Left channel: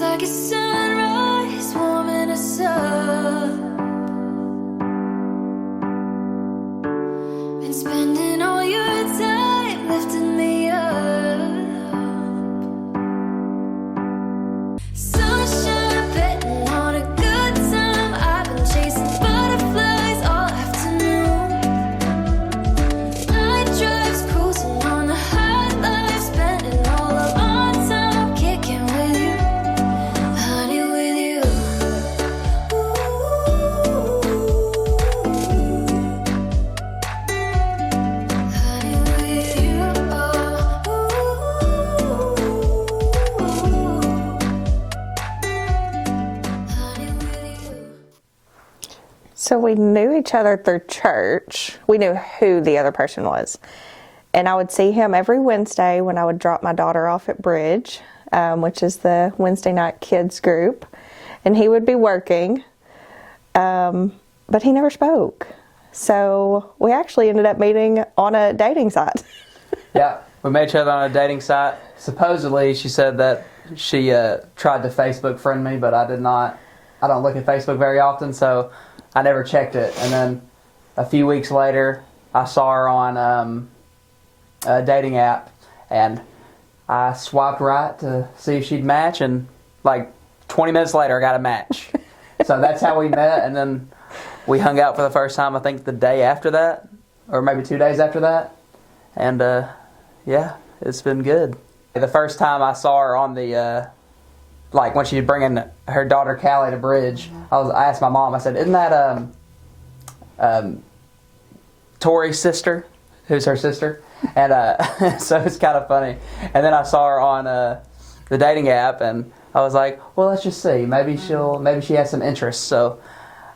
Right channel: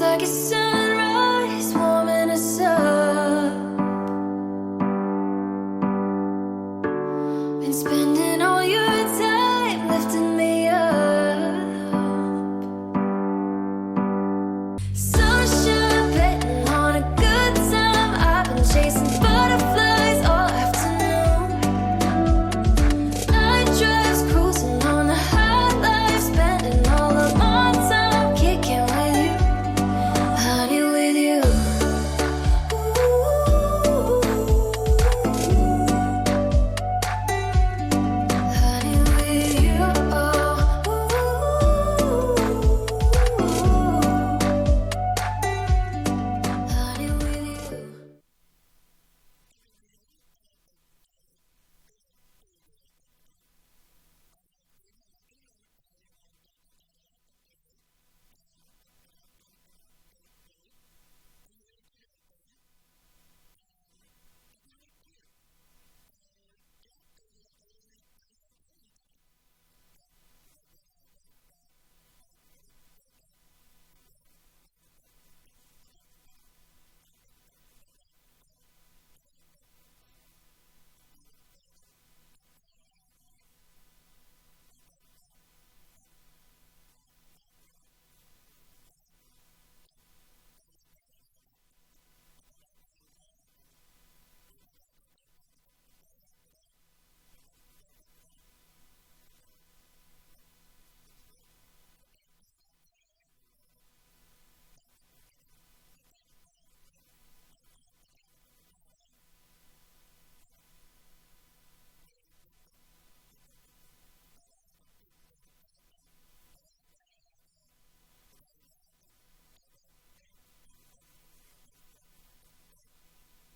Feels like a sunrise warming us up. Been spending all your time lifting me up. Sunshine betting on a good time. I've been chasing butterflies all afternoon. Night drives cruising on the high life, spending all of my time kicking with you, honey, with you. Honey, with you. Honey, with you. So we knew each other through church. We knew who the other person was. And I would see him every Wednesday when I would drop my daughter off at Bridge, which is the Wednesday night kids group. And he would be working, but he never spoke. So we actually ended up meeting on a dating site. Yeah, we met each other on a dating site. Supposedly, she said that she tried to Facebook friend me, but I did not. I don't look at Facebook very often, so I never checked it. And then a few weeks later, I saw her on a dating app, and I swiped right to see if she'd match, and like 20 minutes later, I got a match. So that's how we met, and then we hung out for the first time, I think, the day after that, or maybe 2 days after that. And yeah, it's been good. The first time I saw her on the, like when she was bringing her daughter Callie to Bridge, I asked my mom, I said, isn't that Tori's sister? Who's her sister? And so it's kind of funny. And then I saw her on the dating app, and I was like, well, let's just see. Maybe she has some interest. So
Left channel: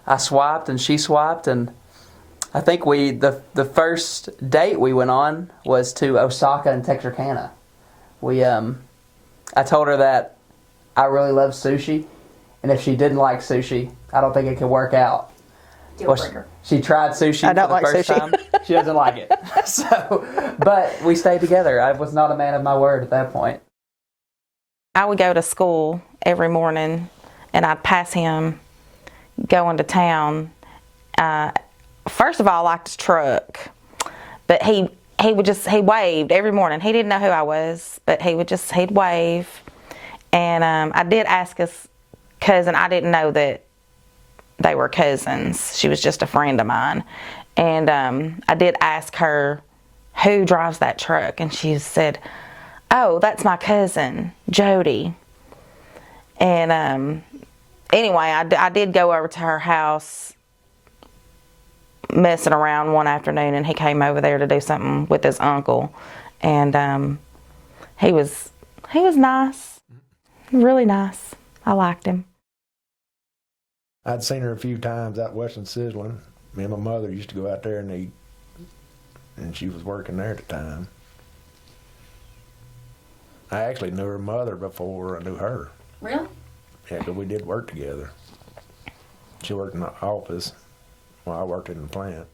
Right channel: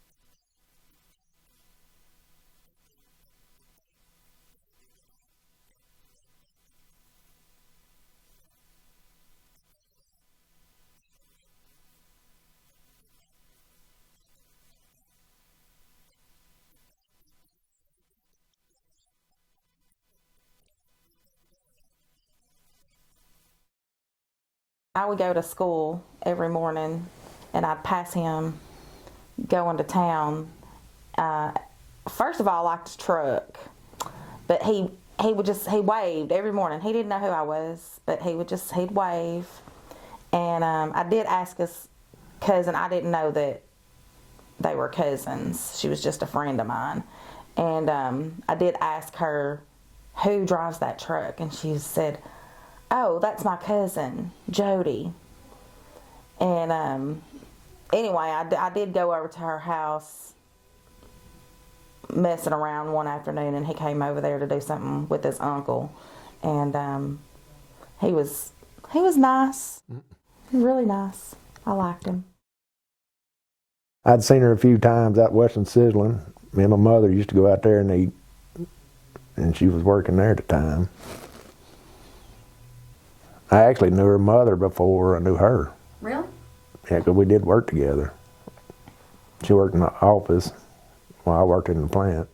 I swiped, and she swiped, and I think the first date we went on was to Osaka and Texarkana. I told her that I really love sushi, and if she didn't like sushi, I don't think it could work out. Deal breaker. She tried sushi I don't for the like first sushi. time. She doesn't like it. So, but we stayed together. I was not a man of my word at that point. I would go to school every morning, and I'd pass him going to town. First of all, I liked his truck, but he waved every morning. He didn't know who I was, but he'd wave. And I did ask his cousin. I didn't know that they were cousins. She was just a friend of mine. And I did ask her, who drives that truck? And she said, oh, that's my cousin, Jody. And anyway, I did go over to her house messing around one afternoon, and he came over there to do something with his uncle. And he was nice, really nice. I liked him. I'd seen her a few times out west in Sizzling. Me and my mother used to go out there and eat, and she was working there at the time. I actually knew her mother before I knew her. Really? Yeah, 'cause we did work together. She worked in the office while I worked in the plant.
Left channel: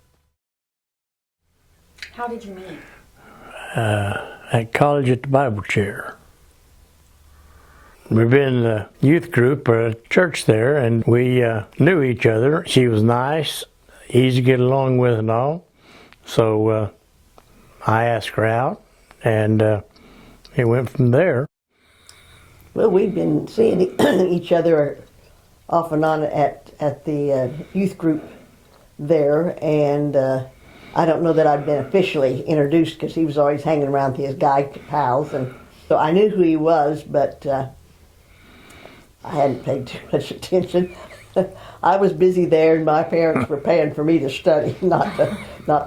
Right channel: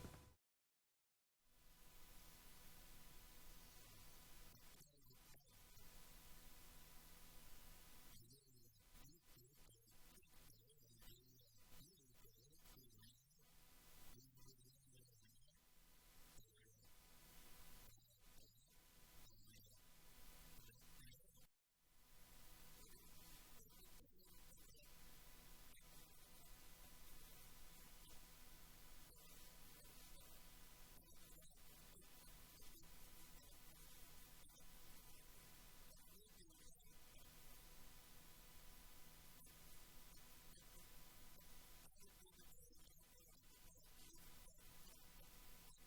How did you meet? At college at the Bible chair. We've been in a youth group or a church there, and we knew each other. She was nice, easy to get along with and all. So I asked her out, and it went from there. Well, we've been seeing each other off and on at the youth group there, and I don't know that I'd been officially introduced because he was always hanging around with his guy pals, and so I knew who he was, but I hadn't paid too much attention. I was busy there, and my parents were paying for me to study, not to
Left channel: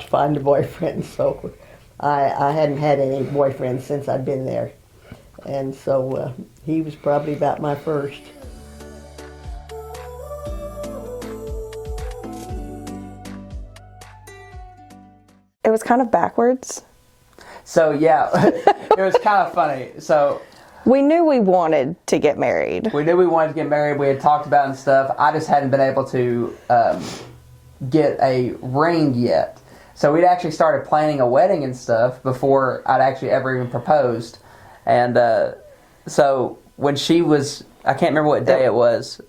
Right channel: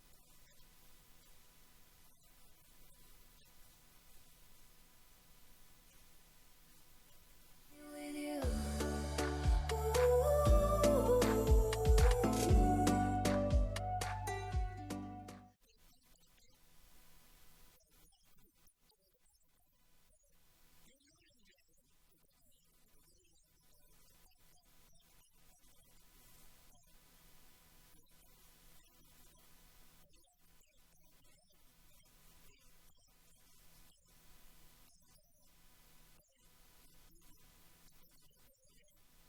find a boyfriend. So I hadn't had any boyfriends since I'd been there, and so he was probably about my first. It was kind of backwards. So yeah, it was kind of funny. So We knew we wanted to get married. we knew we wanted to get married. We had talked about it and stuff. I just hadn't been able to get a ring yet. So we'd actually started planning a wedding and stuff before I'd actually ever even proposed. And so when she was, I can't remember what day it was.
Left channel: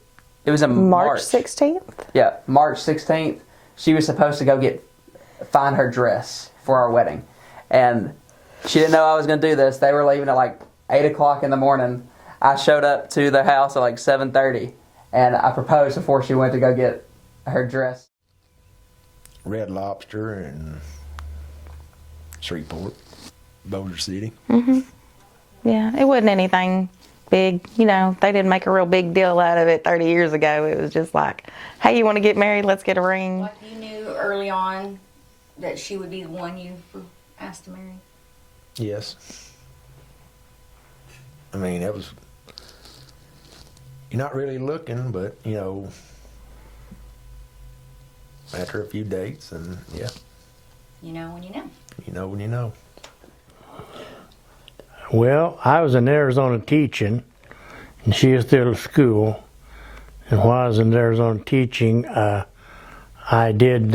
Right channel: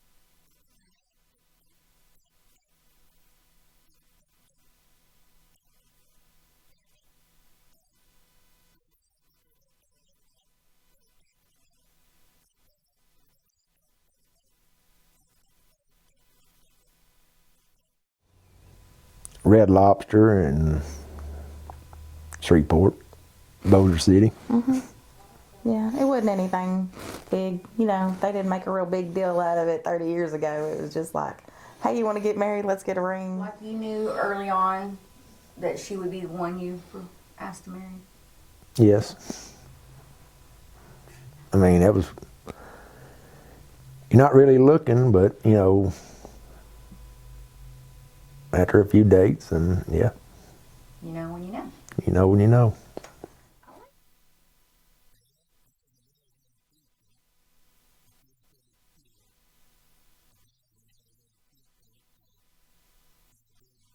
It was in March 16th? Yeah, March 16th. She was supposed to go find her dress for our wedding. And she didn't know I was going to do this. They were leaving at like 8 o'clock in the morning. I showed up to the house at like 7:30, and I proposed before she went to go get her dress. Red Lobster and Shreveport, Bossier City. Yeah, it wasn't anything big. You know, they didn't make a real big deal out of it 30 years ago. It was just like, hey, you want to get married? Let's get a ring. Like you knew early on that she would be the one you were asked to marry? Yes. I mean, that was, you're not really looking, but, you know, after a few dates, and yeah. You know when you know. You know when you know. Well, I was in Arizona teaching, and she was still at school. And while I was in Arizona teaching, I did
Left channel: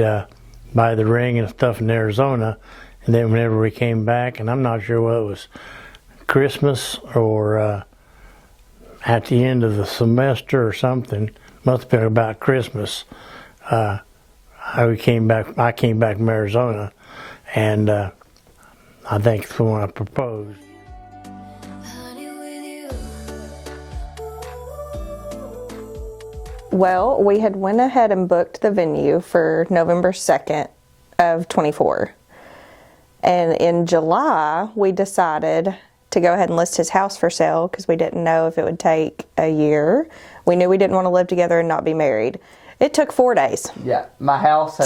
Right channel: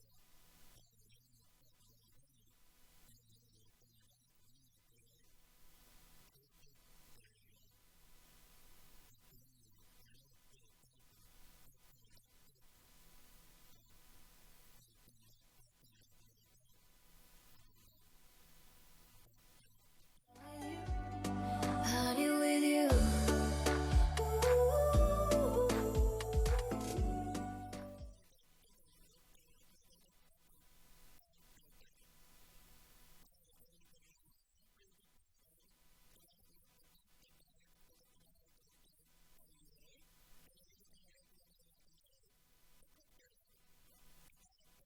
buy the ring and stuff in Arizona. And then whenever we came back, and I'm not sure whether it was Christmas or at the end of the semester or something, must have been about Christmas, I came back from Arizona, and I think it's when I proposed. Honey, with you. Well, we had went ahead and booked the venue for November 2nd of 24. And in July, we decided to go ahead and list his house for sale because we didn't know if it would take a year. We knew we didn't want to live together and not be married. It took 4 days. Yeah, my house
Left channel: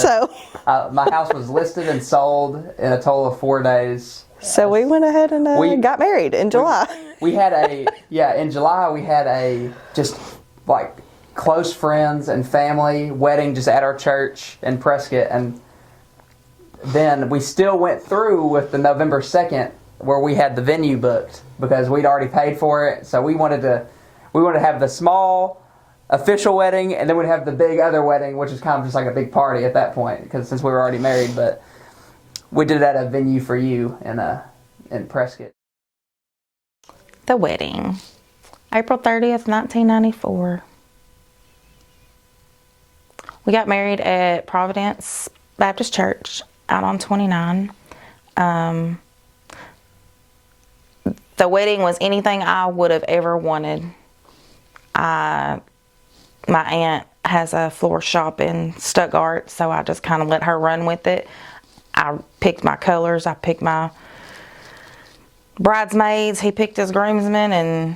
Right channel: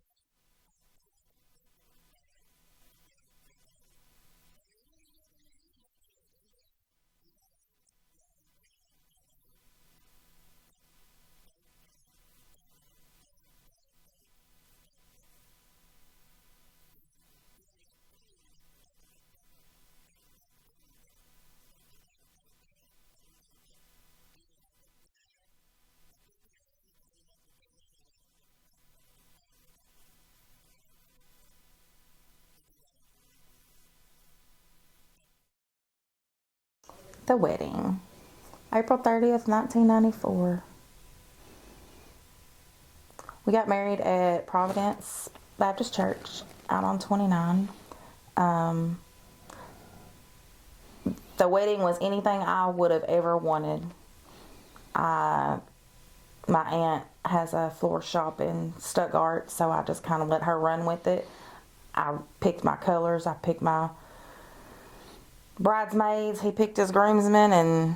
my house was listed and sold in a total of 4 days. So we went ahead and got married in July. We had in July we had a just like close friends and family wedding just at our church in Prescott, and then we still went through with the November 2nd where we had the venue booked because we'd already paid for it. So we wanted to have the small official wedding, and then we'd have the big other wedding, which is kind of just like a big party at that point because since we were already married. But we did it at a venue for you in Prescott. The wedding, April 30th, 1994. We got married at Providence Baptist Church out on 29. The wedding was anything I would have ever wanted. My aunt has a floor shop in Stuttgart, so I just kind of let her run with it. I picked my colors, I picked my bridesmaids, he picked his groomsmen, and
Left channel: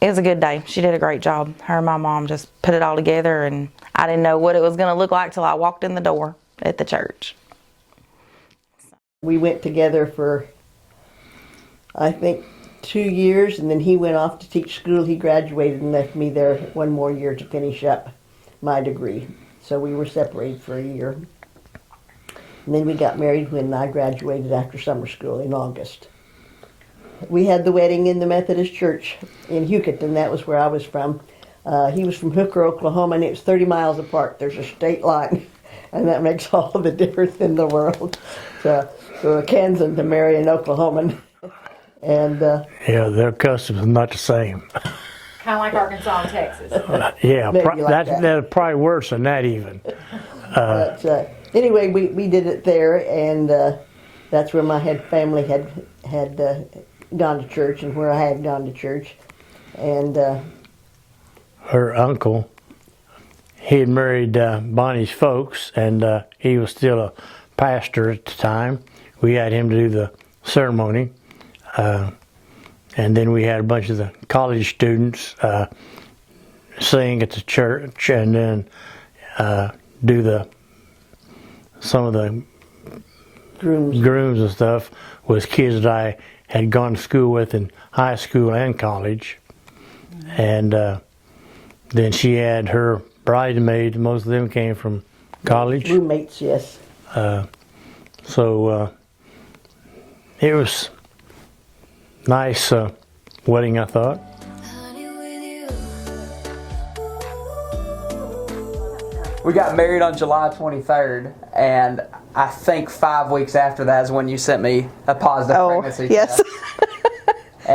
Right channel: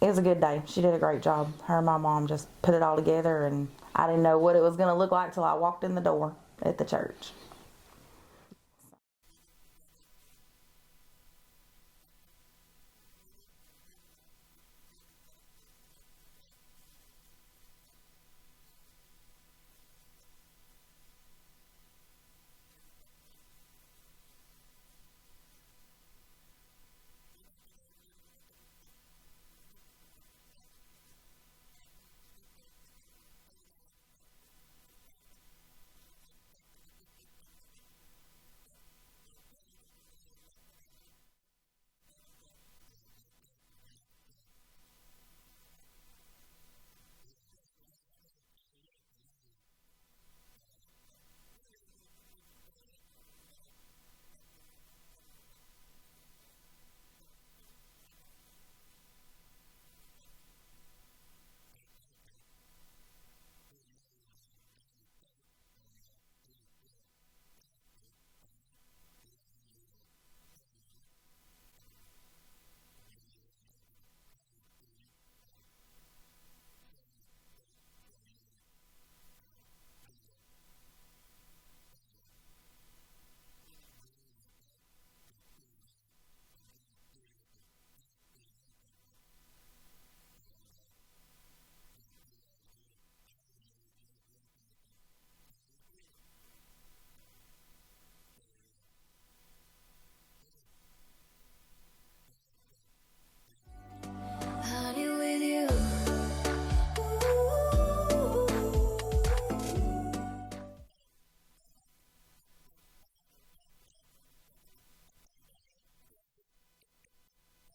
it was a good day. She did a great job. Her and my mom just put it all together, and I didn't know what it was going to look like till I walked in the door at the church. We went together for, I think, 2 years, and then he went off to teach school. He graduated and left me there 1 more year to finish up my degree. So we were separated for a year. And then we got married when I graduated after summer school in August. We had the wedding in the Methodist Church in Huckett, that was where I was from. He was from Hooker, Oklahoma, and it was 30 miles apart. There's a state line, and that makes all the difference in the world. For a Kansan to marry an Oklahoman. And Yeah, their customs are not the same. Kind of like Arkansas and Texas. Yeah, Maybe like that. that's probably worse than that even. but anyway, we did it there, and that's where my family had gone to church, and where I had gone to church. And Her uncle, he had married Bonnie's folks, and he was still a pastor at the time. We had him to do the ceremony. And then we had a bunch of the college students sing at the church, and then do some of the grooms and stuff was kids that I had gone to school with in high school and college. And then she had her bridesmaids. Most of them came from college. roommates, yes. So it was nice wedding, I thought. Honey, with you. We got married on July 23rd, and I think 5 weeks after that is when you sent me a positive pregnancy yes. test.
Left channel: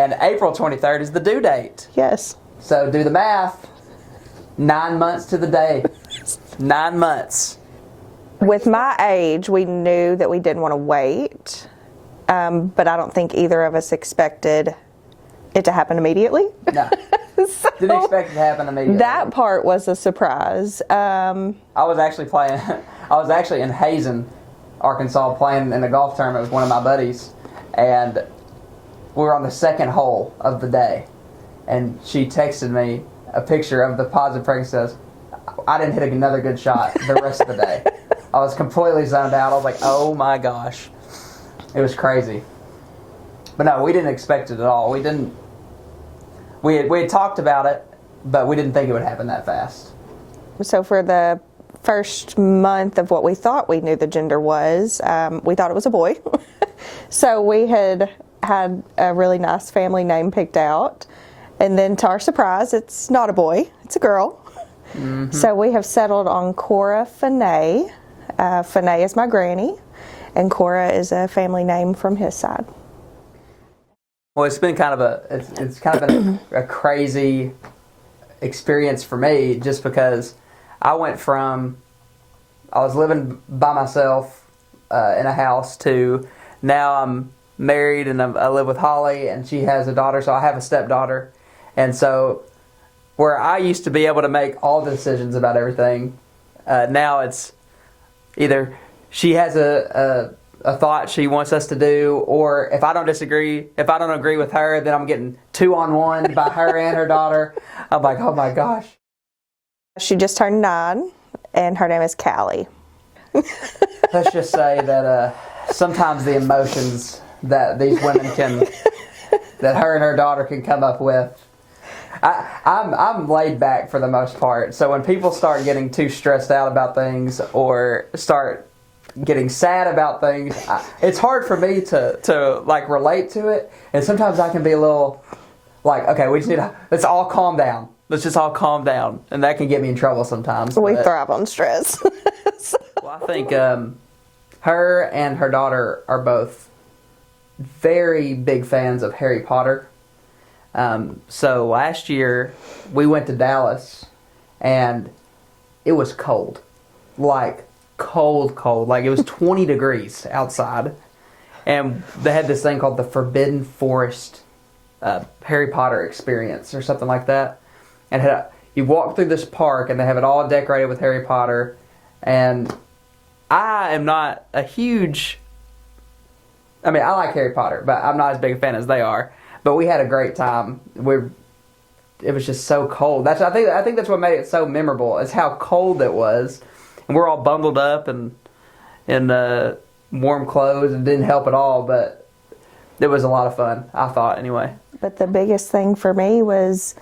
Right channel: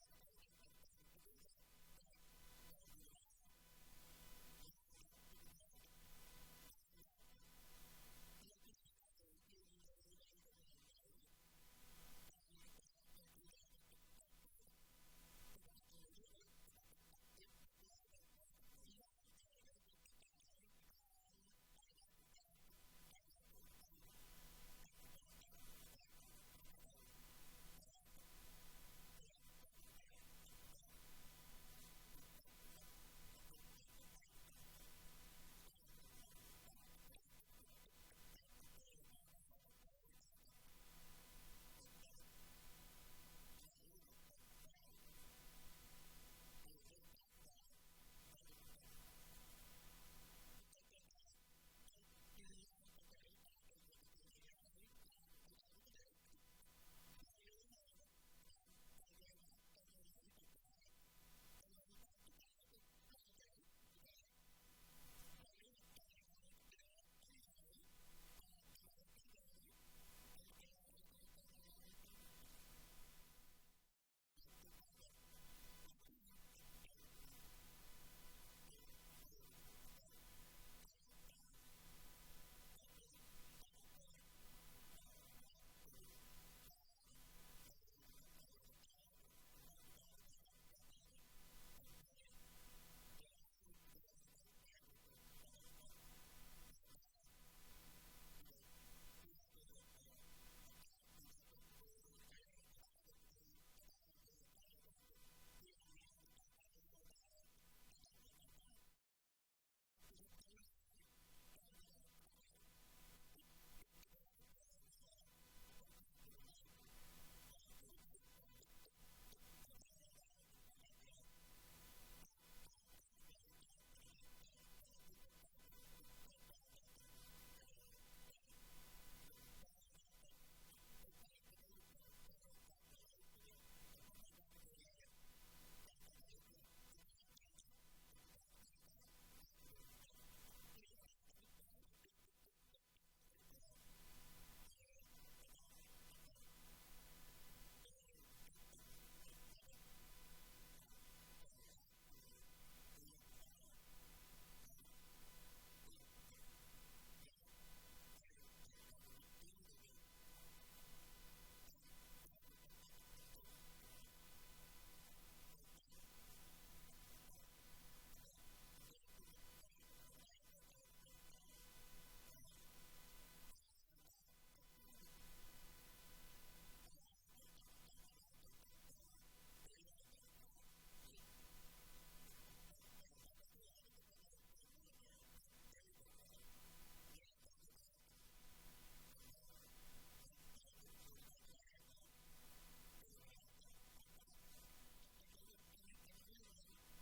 And April 23rd is the due date. Yes. So do the math. 9 months to the day. 9 months. With my age, we knew that we didn't want to wait, but I don't think either of us expected it to happen immediately. No. Didn't expect it to happen immediately. That part was a surprise. I was actually in Hazen, Arkansas, playing in a golf tournament with one of my buddies, and we were on the second hole of the day, and she texted me a picture of the positive pregnancy. Says, I didn't hit another good shot the rest of the day. I was completely zoned out. I was like, oh my gosh. It was crazy. But no, we didn't expect it at all. We had talked about it, but we didn't think it would happen that fast. So for the first month of what we thought we knew the gender was, we thought it was a boy. So we had a really nice family name picked out. And then to our surprise, it's not a boy, it's a girl. Mm-hmm. So we have settled on Cora Fanay. Fanay is my granny, and Cora is a family name from his side. Well, it's been kind of a crazy experience for me, just because I went from I was living by myself in a house to now I'm married and I live with Holly, and she has a daughter, so I have a stepdaughter, and so where I used to be able to make all the decisions about everything, now it's either she has a thought she wants us to do, or if I don't agree with her, then I'm getting 2-on-1 by her and her daughter. I'm like, oh my gosh. She just turned 9, and her name is Callie. Let's just say that sometimes the emotions that these women that her and her daughter can come up with, I'm laid back for the most part. So when people start getting too stressed out about things or start getting sad about things, it's hard for me to like relate to it. And sometimes I can be a little like, okay, let's all calm down. Let's just all calm down. And that can get me in trouble sometimes. We thrive on stress. Well, I think her and her daughter are both very big fans of Harry Potter. So last year we went to Dallas, and it was cold. Like cold. Like it was 20 degrees outside. And they had this thing called the Forbidden Forest Harry Potter experience or something like that. And you walk through this park, and they have it all decorated with Harry Potter. And I am not a huge... I mean, I like Harry Potter, but I'm not as big a fan as they are. But we had a great time. It was just so cold. I think that's what made it so memorable, is how cold it was. And we're all bundled up and in warm clothes, and didn't help at all. But it was a lot of fun, I thought, anyway. But the biggest thing for me was,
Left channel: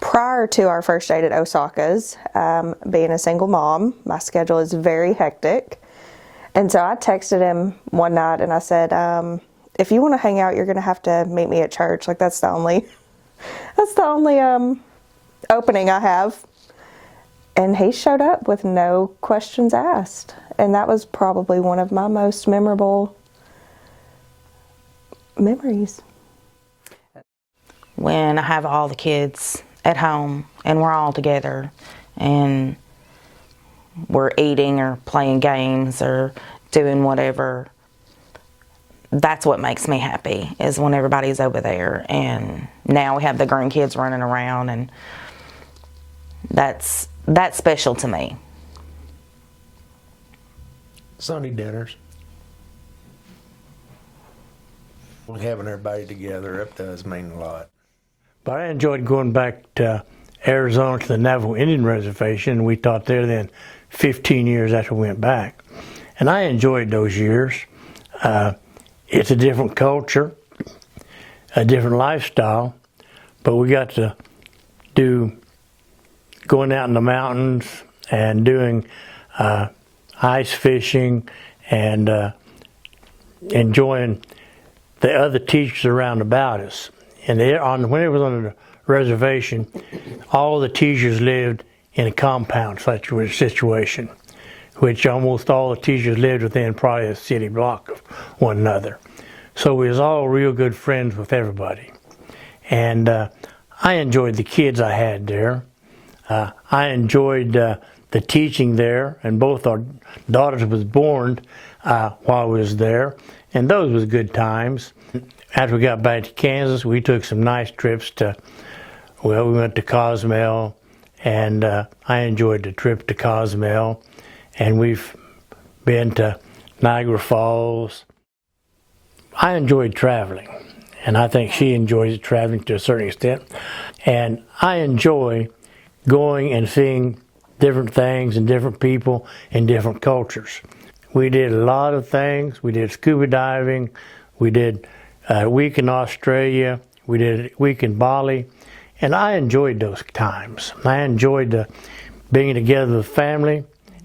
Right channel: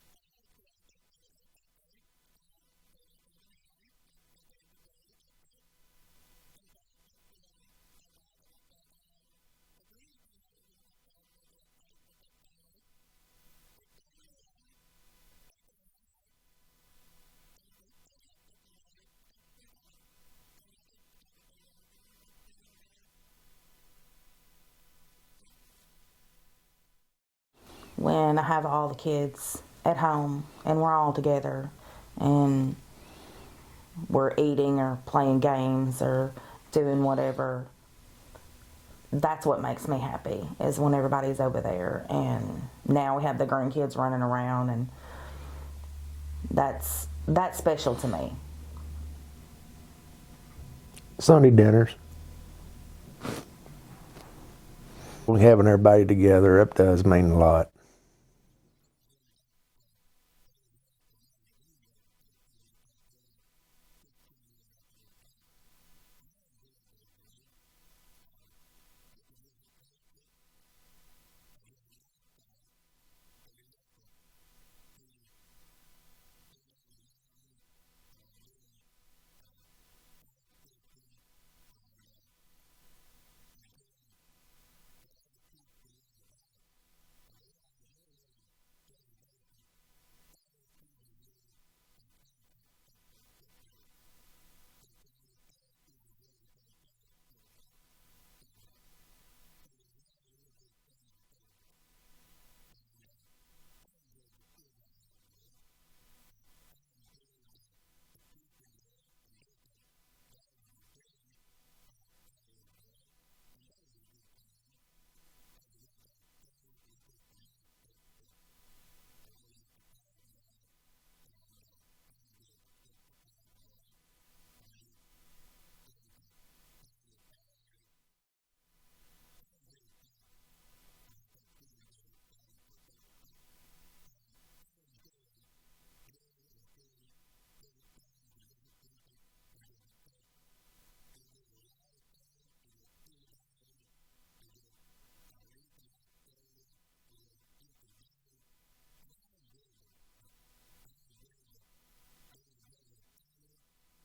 prior to our first date at Osaka's, being a single mom, my schedule is very hectic. And so I texted him one night and I said, if you want to hang out, you're going to have to meet me at church. Like that's the only opening I have. And he showed up with no questions asked. And that was probably one of my most memorable memories. When I have all the kids at home and we're all together and we're eating or playing games or doing whatever, that's what makes me happy, is when everybody's over there. And now we have the grandkids running around, and that's special to me. Sunday dinners. Having everybody together up does mean a lot. But I enjoyed going back to Arizona to the Navajo Indian Reservation. We taught there then 15 years after we went back. And I enjoyed those years. It's a different culture, a different lifestyle, but we got to do going out in the mountains and doing ice fishing and enjoying the other teachers around about us. And when it was on the reservation, all the teachers lived in a compound situation, which almost all the teachers lived within probably a city block of one another. So we was all real good friends with everybody. And I enjoyed the kids I had there. I enjoyed the teaching there, and both our daughters was born while I was there, and those was good times. After we got back to Kansas, we took some nice trips to, well, we went to Cozumel, and I enjoyed the trip to Cozumel, and we've been to Niagara Falls. I enjoyed traveling, and I think she enjoys traveling to a certain extent, and I enjoy going and seeing different things and different people and different cultures. We did a lot of things. We did scuba diving. We did a week in Australia. We did a week in Bali. And I enjoyed those times. I enjoyed being together with family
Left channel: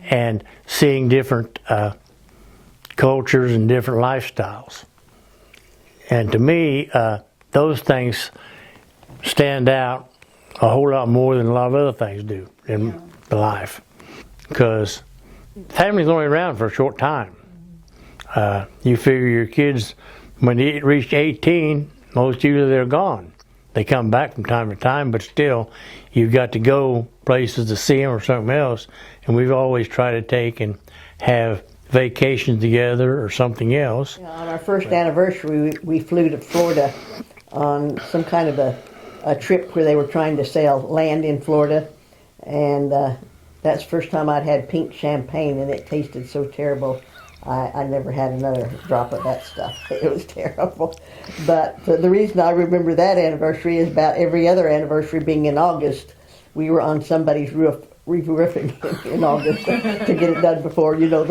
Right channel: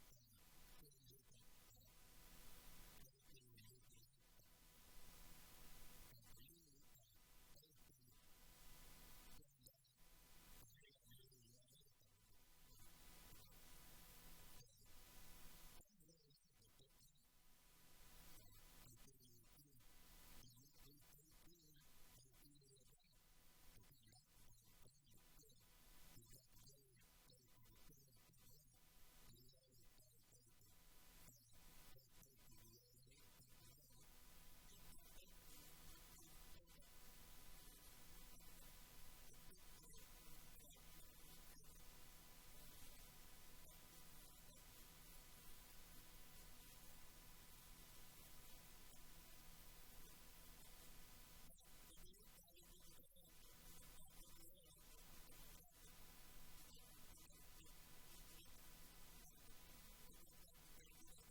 and seeing different cultures and different lifestyles. And to me, those things stand out a whole lot more than a lot of other things do in life, because family's only around for a short time. You figure your kids, when they reach 18, most usually they're gone. They come back from time to time, but still, you've got to go places to see them or something else. And we've always tried to take and have vacations together or something else. You know, on our first anniversary, we flew to Florida on some kind of a trip where they were trying to sell land in Florida. And that's the first time I'd had pink champagne, and it tasted so terrible. I never had another drop of that stuff. It was terrible. But the reason I remember that anniversary is about every other anniversary being in August. We were on somebody's roof re-roofing in August to get it done before, you know,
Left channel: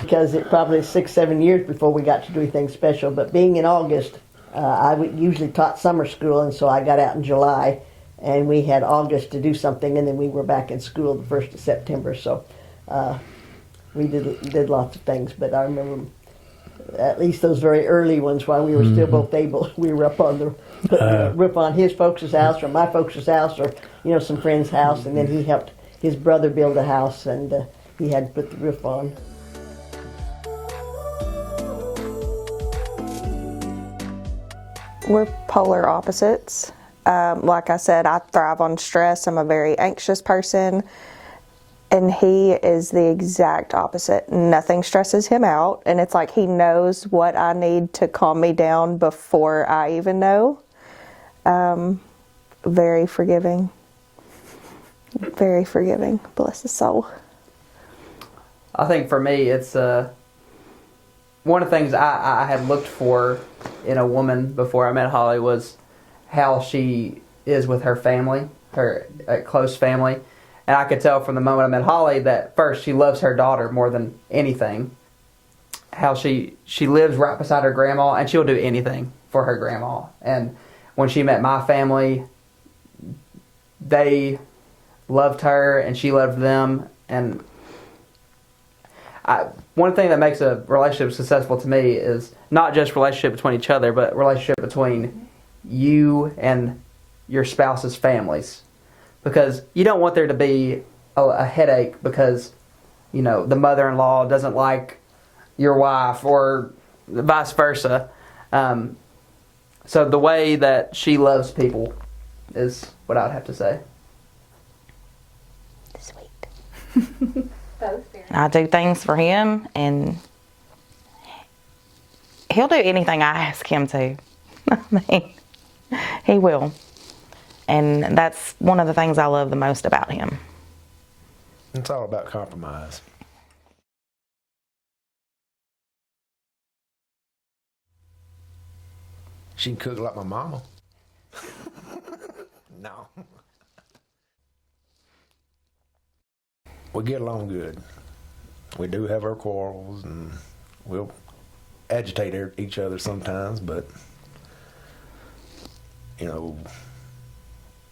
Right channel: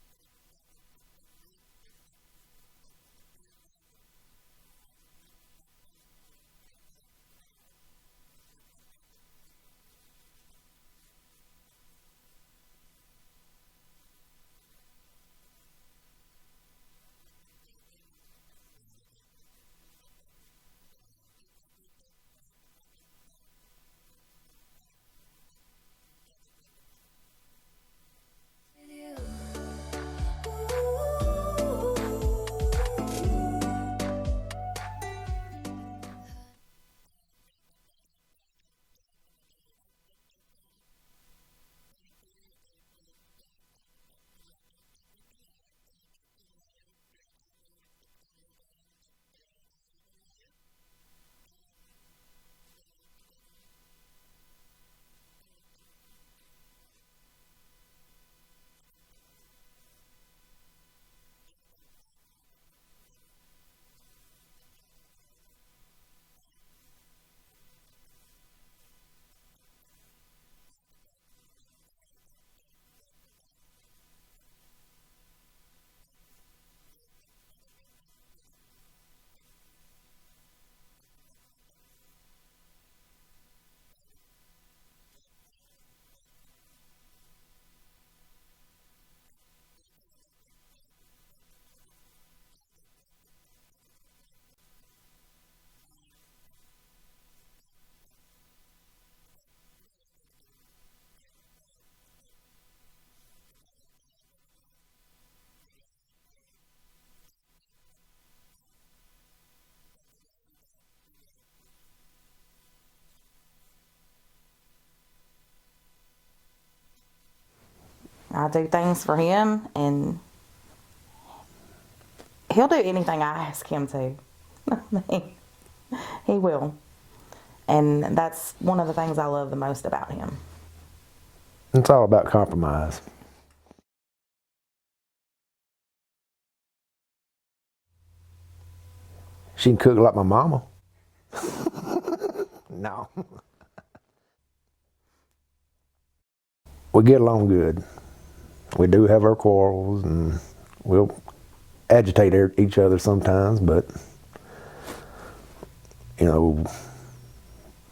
because it probably 6-7 years before we got to do anything special. But being in August, I usually taught summer school, and so I got out in July, and we had August to do something, and then we were back in school the 1st of September. So we did lots of things, but I remember at least those very early ones while we were still both able. We were up on the roof on his folks' house or my folks' house or, you know, some friend's house, and then he helped his brother build a house, and he had to put the roof on. We're polar opposites. Like I said, I thrive on stress. I'm a very anxious person. And he is the exact opposite. Nothing stresses him out. And it's like he knows what I need to calm me down before I even know. Very forgiving. Very forgiving. Bless his soul. I think for me, it's one of the things I had looked for in a woman before I met Holly was how she is with her family, her close family. And I could tell from the moment I met Holly that first she loves her daughter more than anything. How she lives right beside her grandma, and she'll do anything for her grandma. And when she met my family, they loved her and she loved them. And one thing that makes a relationship successful to me is not just relationship between each other, but relationship between you and your spouse's families. Because you don't want there to be a headache because, you know, the mother-in-law doesn't like your wife or vice versa. So the way that she loves people is what I'd have to say. Sweet. I do things for him, and he'll do anything I ask him to. I mean, he will. And that's one of the things I love the most about him. It's all about compromise. She can cook like my mama. No. We get along good. We do have our quarrels, and we'll agitate each other sometimes, but, you know,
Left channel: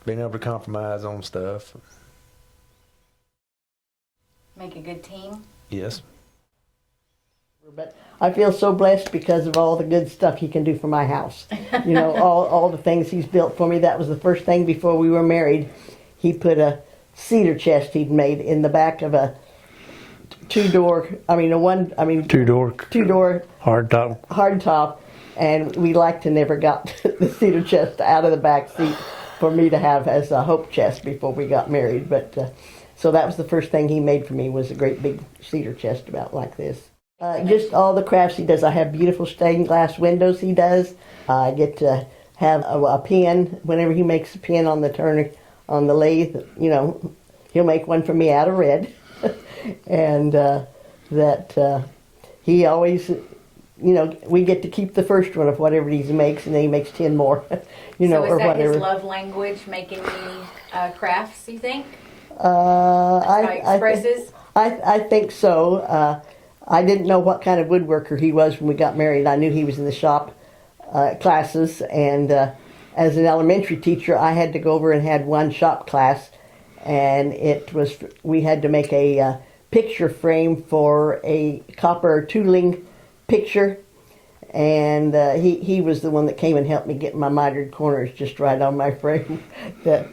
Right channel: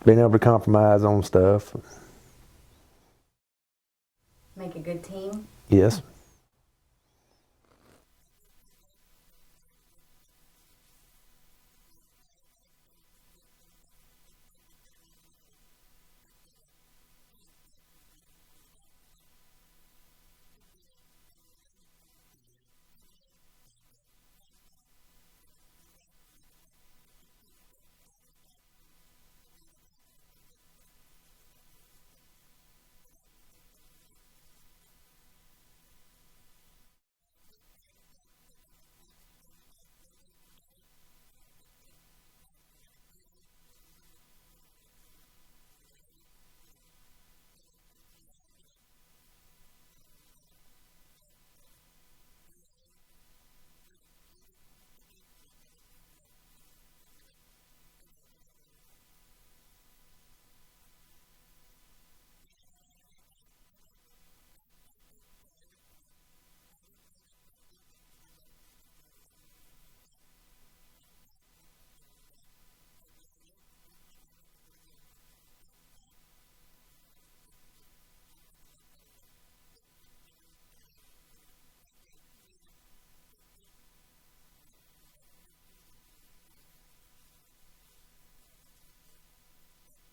being able to compromise on stuff. Make a good team. Yes. But I feel so blessed because of all the good stuff he can do for my house. You know, all the things he's built for me. That was the first thing before we were married. He put a cedar chest he'd made in the back of a two-door hard top. and we liked to never got the cedar chest out of the back seat for me to have as a hope chest before we got married. But so that was the first thing he made for me, was a great big cedar chest about like this. Just all the crafts he does. I have beautiful stained glass windows he does. I get to have a pen whenever he makes a pen on the turner, on the lathe. You know, he'll make one for me out of red. And he always, you know, we get to keep the first one of whatever he makes, and then he makes 10 more, you know, so or is that whatever. his love language, making me crafts, you think? That's how he expresses? I think so. I didn't know what kind of woodworker he was when we got married. I knew he was in the shop classes, and as an elementary teacher, I had to go over and had one shop class, and we had to make a picture frame for a copper tooling picture, and he was the one that came and helped me get my mitered corners just right on my frame. That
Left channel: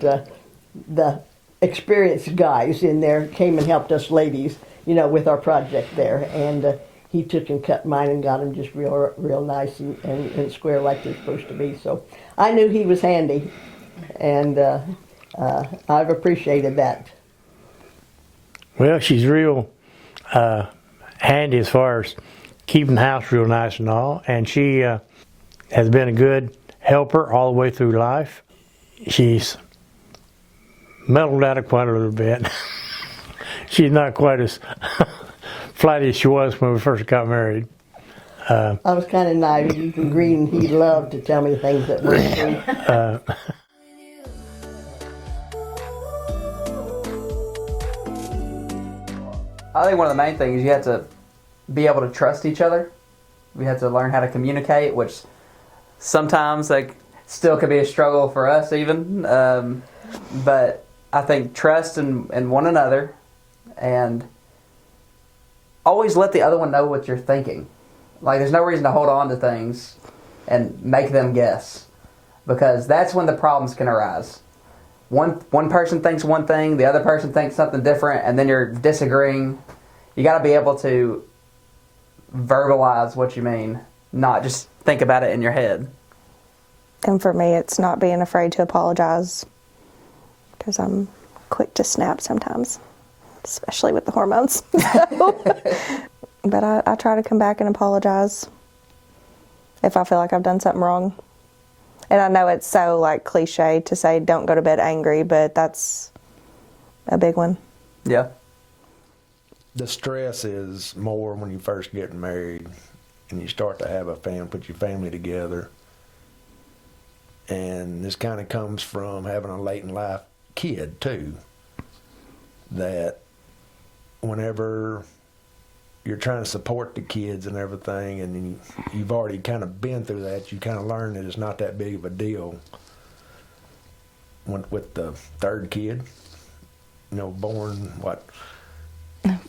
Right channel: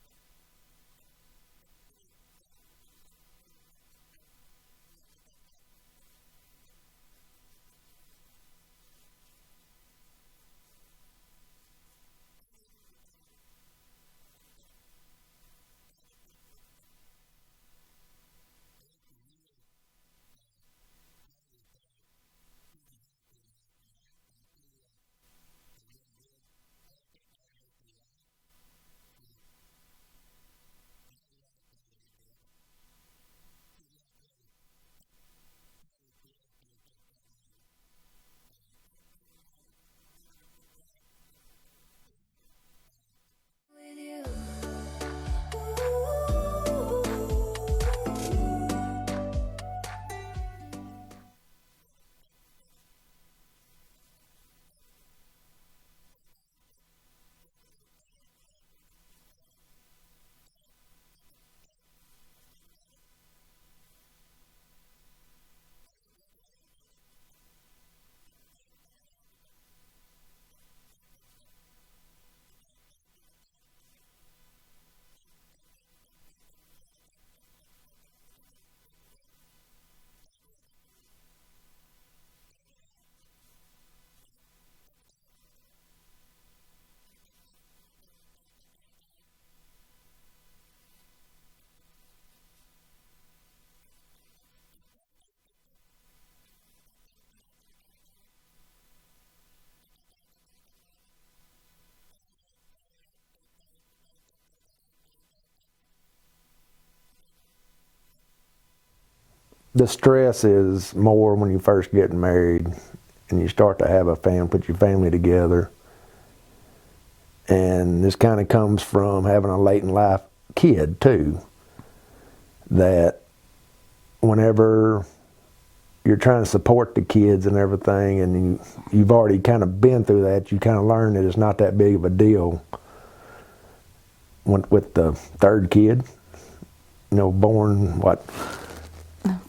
the experienced guys in there came and helped us ladies, you know, with our project there, and he took and cut mine and got them just real nice and square like they're supposed to be. So I knew he was handy, and I've appreciated that. Well, she's real handy as far as keeping the house real nice and all, and she has been a good helper all the way through life. She's mellowed out quite a little bit. She's not quite as flighty as she was when we first got married. I was kind of naive. Even Green, he loved to tell me things that weren't true. I think one of the main things is you have to be able to trust each other. We have to learn how to communicate, which sometimes like still could be a struggle for us even. But I think trust in one another, and always let the other one know what you're thinking. Like there's no reason to hold on to things and make them guess, because that's when the problems can arise. One person thinks one thing, the other person thinks something different, and then you're disagreeing. You got to be able to verbalize what you mean, not just think about it in your head. And for me, it's not being afraid to apologize, because I'm quick to snap sometimes, especially with the hormones. But I try to come back and apologize if I feel like I've done something wrong. And I know it's so like cliche to say don't go to bed angry, but that's a big one. Yeah. The stress is more when you first get married and you start to have a family, put your family together. And this kind of comes from having a late in life kid too, that whenever you're trying to support the kids and everything, and you've already kind of been through that, you kind of learn that it's not that big of a deal. With the third kid, you know, born,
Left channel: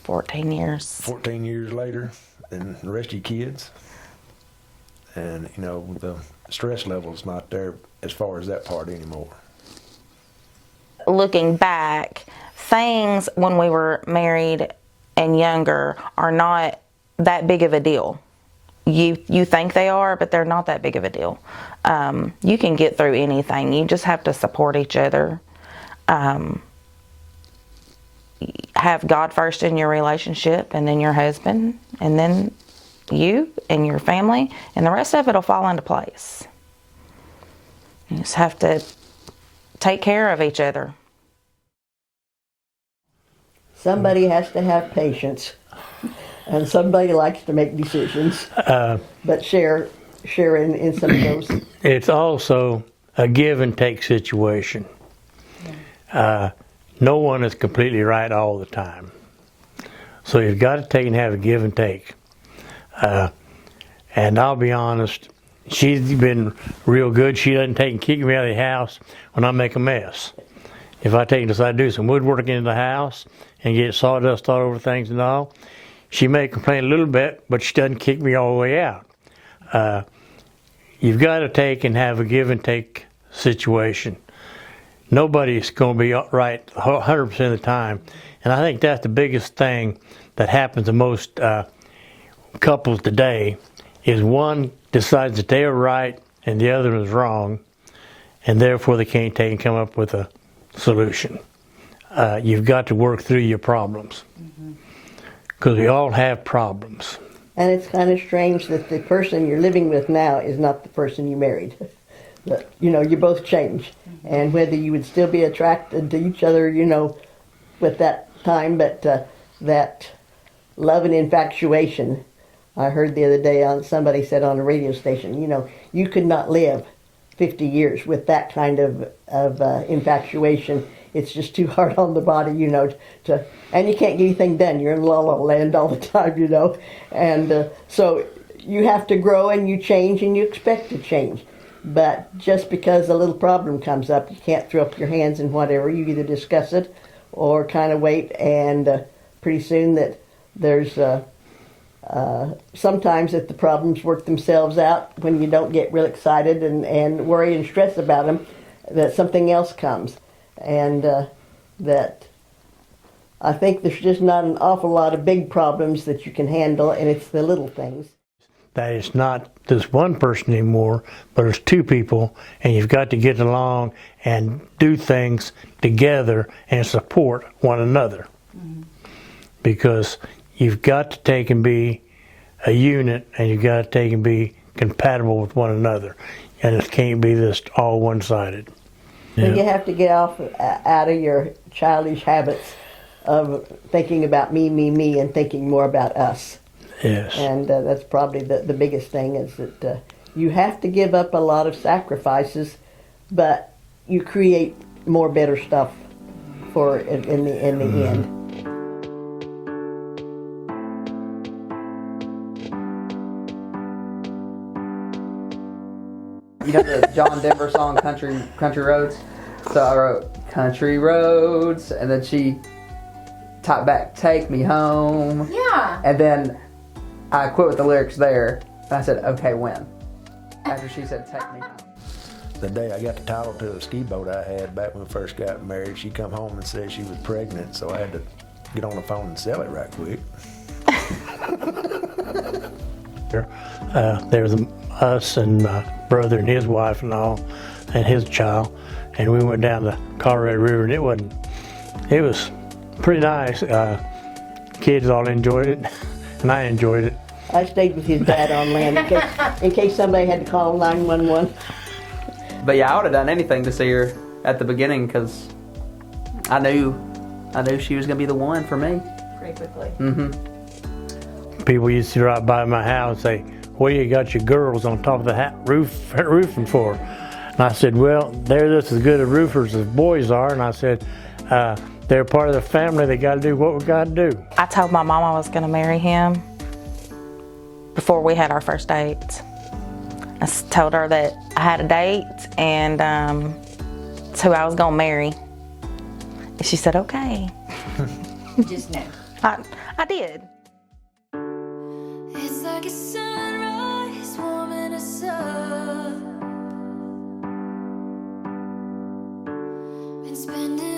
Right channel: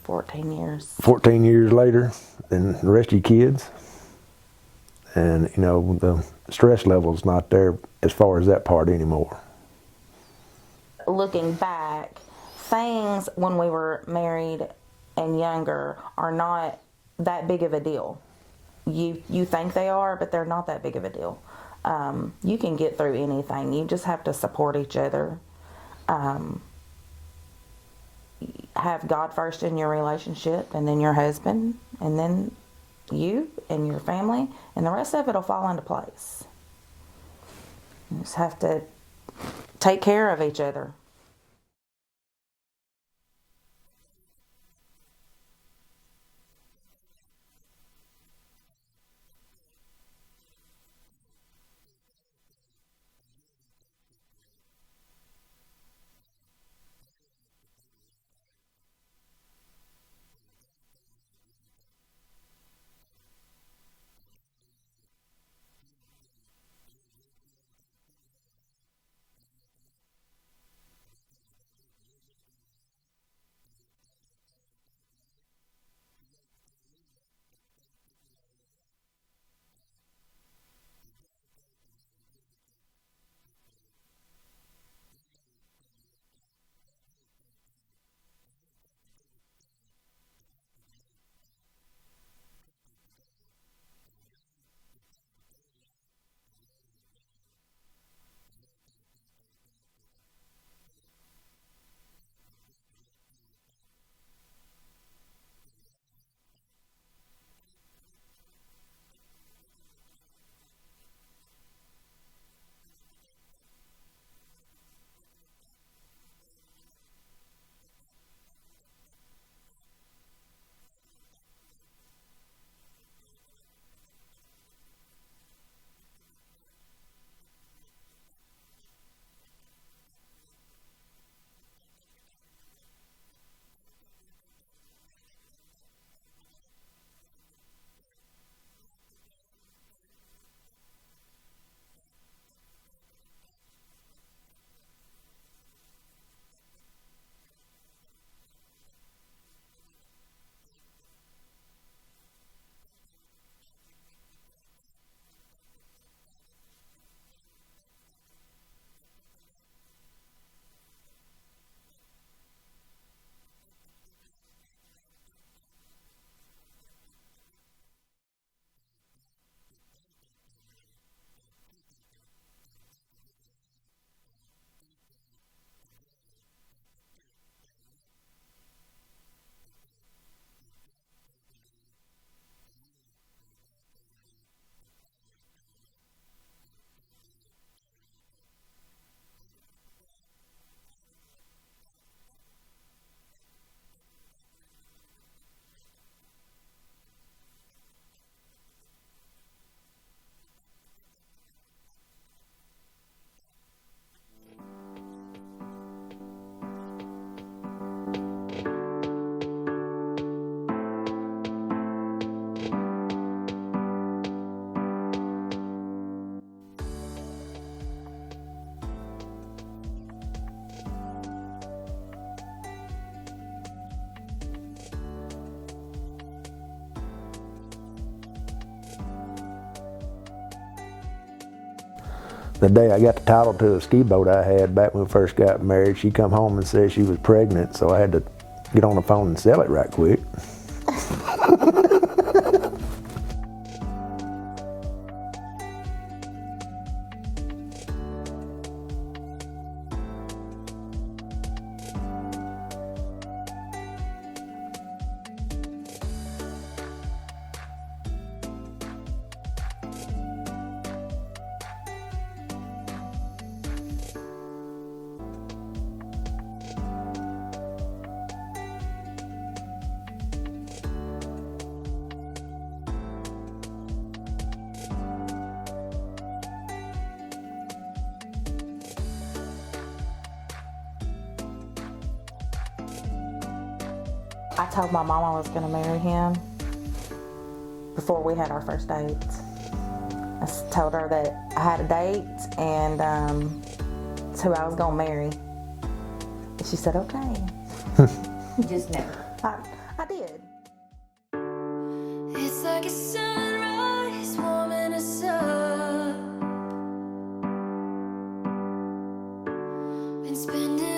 14 years. 14 years later than the rest of your kids. And, you know, the stress level's not there as far as that part anymore. Looking back, things when we were married and younger are not that big of a deal. You think they are, but they're not that big of a deal. You can get through anything. You just have to support each other. Have God first in your relationship, and then your husband, and then you and your family, and the rest of it will fall into place. You just have to take care of each other. Somebody has to have patience, and somebody likes to make decisions, but share in some of those. It's also a give and take situation. No one is completely right all the time. So you've got to take and have a give and take. And I'll be honest, she's been real good. She doesn't take and kick me out of the house when I make a mess. If I take and decide to do some woodworking in the house and get sawdust all over things and all, she may complain a little bit, but she doesn't kick me all the way out. You've got to take and have a give and take situation. Nobody's going to be right 100% of the time. And I think that's the biggest thing that happens to most couples today, is one decides that they are right and the other is wrong, and therefore they can't take and come up with a solution. You've got to work through your problems, because we all have problems. And it's kind of strange that the person you're living with now is not the person you married. But, you know, you both change. And whether you would still be attracted to each other, you know, with that time, but that love and infatuation, I heard the other day on somebody said on a radio station, you know, you could not live 50 years with that kind of infatuation. It's just too hard on the body, you know, and you can't get anything done. You're in la la land all the time, you know. And so you have to grow and you change and you expect to change. But just because a little problem comes up, you can't throw up your hands and whatever. You either discuss it or kind of wait, and pretty soon that there's sometimes that the problems work themselves out when you don't get real excited and worry and stress about them, that something else comes. And that I think there's just not an awful lot of big problems that you can handle, and it's the little things. That it's not this one person anymore, but it's two people, and you've got to get along and do things together and support one another. Because you've got to take and be a unit, and you've got to take and be compatible with one another. And it can't be just all one-sided. So you have to get out of your childish habits of thinking about me, and thinking more about us. Yes. And that's probably the biggest thing, is that you have to give up a lot of sacrifices, but you create more better stuff for in the end. You know the John Denver song Country Roads? So I wrote Country Roads, and then she typed back Take Me Home. Yeah. And then I quit with the lyrics there, and I said, okay, when? After she said Take Me Home. The day I got the title to a ski boat I had back when we first got married, she come home and said she was pregnant, so I had to get on the phone and sell it right quick. There was us and my brother and his wife and all, and his child, and we went down the Colorado River, and it was pretty nice. Kids all enjoyed it, and I enjoyed it. I stayed with his dad on land in case somebody had to call 911. But yeah, I would have done anything to see her at the beginning, because I knew she was gonna be the one for me. Pretty quickly. People used to drive by my house and say, "What do you got your girls on top of the roofing for?" And I said, "Well, they're just as good as roofers as boys are." And I said, "They're part of the family. They got to do what we got to do." I told my mom I was going to marry him before we had our first date. I told her that I had a date and it's who I was going to marry. And she said, okay. Just now. I did. It's like a sunrise warming us up. Been spending